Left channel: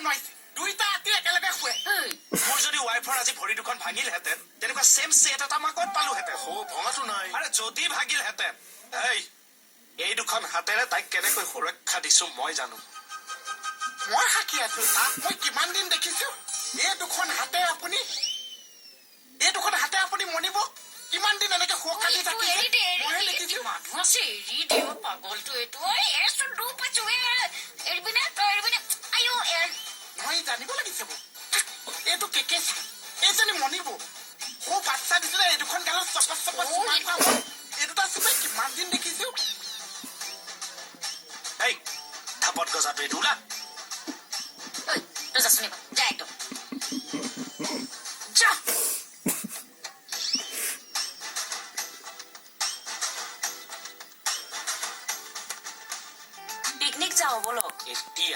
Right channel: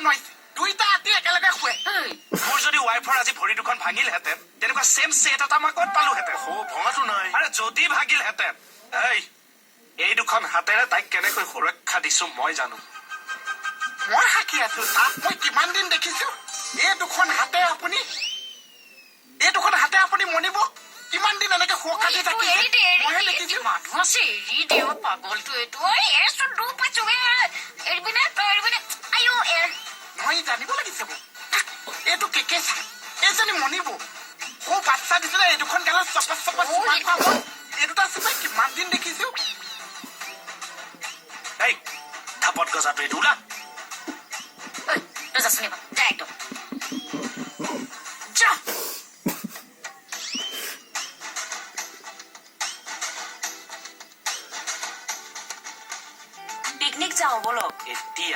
নোৱাৰিছে দুইটা আতি একেলগে শুৱে মোৰ যদি ৱাইফৰ আজি ভৰি দুখন ভাঙিলহেঁতেন তেনেকুৱা চেম ছেট এটা মই ক'ত পালোহেঁতেন ভঙাটো নাই আৰে যদি ভাগিলহেঁতেন এই দুখন হাতেৰে তাইক কেনেকৈ সুৰক্ষা দিছো মই জানো মই সাক্ষী আছো তাক মই কিমান দিন দেখিছো এই দুখন হাতে আপুনি মনিব কিমান দিন এনেকে সুৰক্ষা দি থাকিছে মইহে দেখিছো মানুহ আছে এৰি দেৱ পাগলটো এইটো এছো দু পাইছো এৰিবিনে তই এৰিবিনে আয়ো মই জানিব লাগিছে মোক এইটো কেকেচা এইজনী মনিব সৌ বাচ্চা দিছিলে এই দুখন গালত চপচ এই দুটা চুপাই কিমান দিন দেখিছো এই থাপত গজাটো এইটো ওলা তই যা শুনিবা যা একদম যা পিকনিক যাওঁ বলক এতিয়া